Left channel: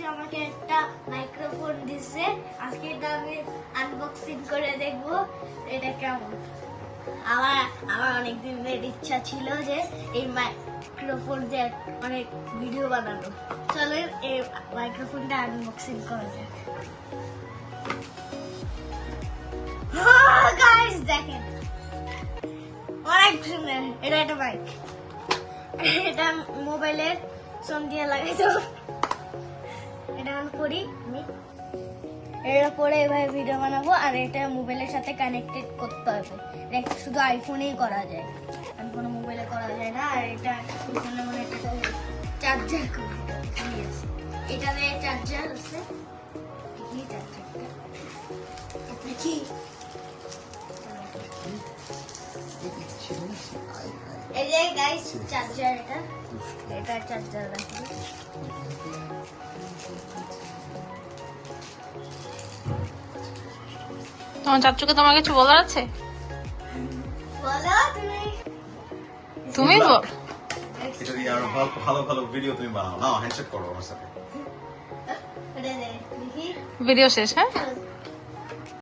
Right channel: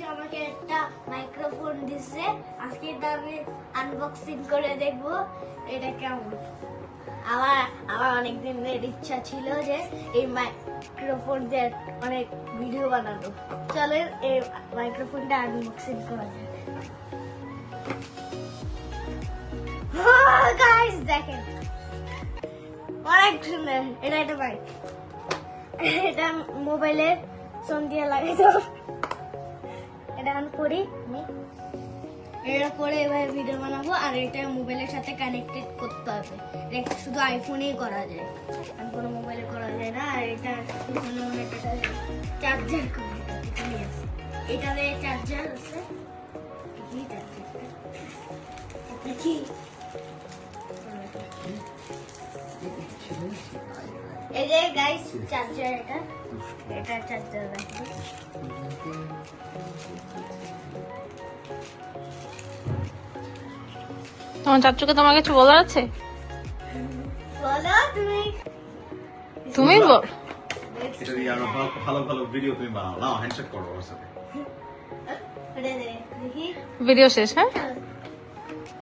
চাচু আমাকে একটা মাইক্রোফোন দিছে, আজকে এটা আমি আনবক্সিং করে দেখবো এটা কেমন। আমার অনেক দিনের ইচ্ছা ছিল যে এই মাইক্রোফোন দিয়ে অনেক ভিডিও বানানো। চলেন এই মাইক্রোফোনটা আনবক্সিং করা যাক। গাইস দেখেন অনেক সুন্দর। এটা একটা মাইক, এটা মোবাইলের ফোন দিয়ে লাগাই দাও। এটা আমি করি, আমি এর উপরে এভাবে ভিডিও বানাবো আর এটা মোবাইলের সাথে কানেক্টেড করতে হবে। এটা শুধু আইফোনেই করা যায়, আর কোনো মোবাইলে করা যায় না। আর এটা মনে এটা চার্জার করে এখানে আছে, এটাতে চার্জার আছে। দেখি এই যে গাইস চার্জার, এটা চার্জার রাখি। তোমার চাচুকে তোমার কিছু বলার আছে? বলো তুমি বল। এটা কি আর ভালো ভালো ভিডিও তুমি বানাও না, হ্যান্ডশেক করো ওর সাথে। দেখি ভিডিও শেষ, হ্যাঁ?